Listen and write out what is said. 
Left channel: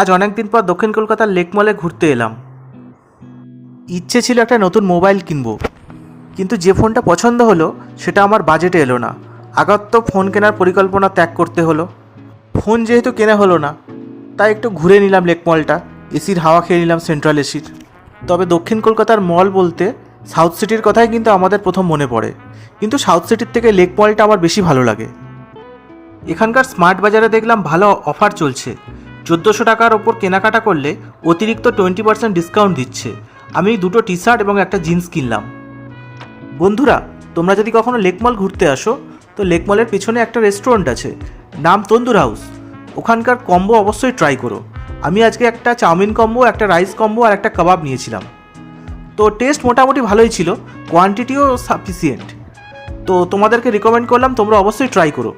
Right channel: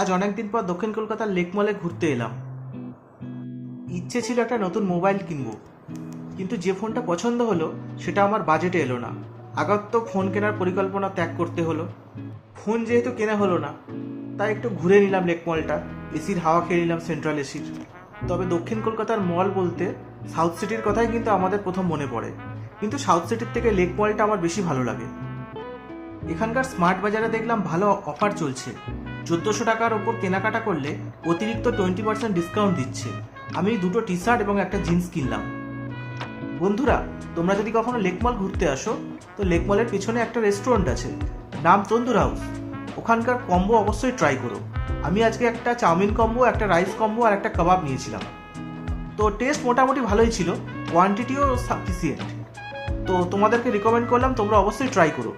আজ অনেক দিন পর দক্ষিণ কলকাতার লেক মলে ঘুরতে এলাম। ইচ্ছে ছিল একটা নতুন মোবাইল কিনবো, কিন্তু যে ফোনটা পছন্দ হলো সেটা আমার বাজেটে এলো না। আগার তো ফোন কেনার পরিকল্পনা ত্যাগ করতে হলো। ফোন যেহেতু কেনা হলো না, তাই একটু ঘুরে নিলাম লেক মলটা, এসির হাওয়া খেয়ে নিলাম সেন্ট্রাল এসির। তবে দক্ষিণ কলকাতার মল বলতে সাউথ সিটির কথাই কিন্তু আমাদের প্রথম মনে পড়ে, কিন্তু সাউথ সিটির থেকে লেক মলটা আমার বেশি ভালো লাগে। এখানকার স্মার্ট বাজারে দেখলাম ভালো অফার চলছে। 1400 টাকার ওপর কেনাকাটা করলে অতিরিক্ত 20% ডিসকাউন্ট দিচ্ছে। আমি দুটো টি শার্ট এবং একটা জিন্স কিনলাম। বন্ধুরা, তোমরা যদি কখনো লেক মল ঘুরতে আসো, তো লেক মলের পেছনে একটা রেস্টুরেন্ট আছে, নাম তন্দুর হাউস। ওখানকার কম্বো অবশ্যই ট্রাই করো। আমি আজকে একটা চাউমিন কম্বো, একটা রাইস কম্বো আর একটা কাবাব নিয়েছিলাম। তো টেস্ট মোটামুটি ভালোই ছিল, কোয়ান্টিটিও সাফিসিয়েন্ট। তো তোমাদেরকে রিকমেন্ড করলাম, তোমরা অবশ্যই ট্রাই করো।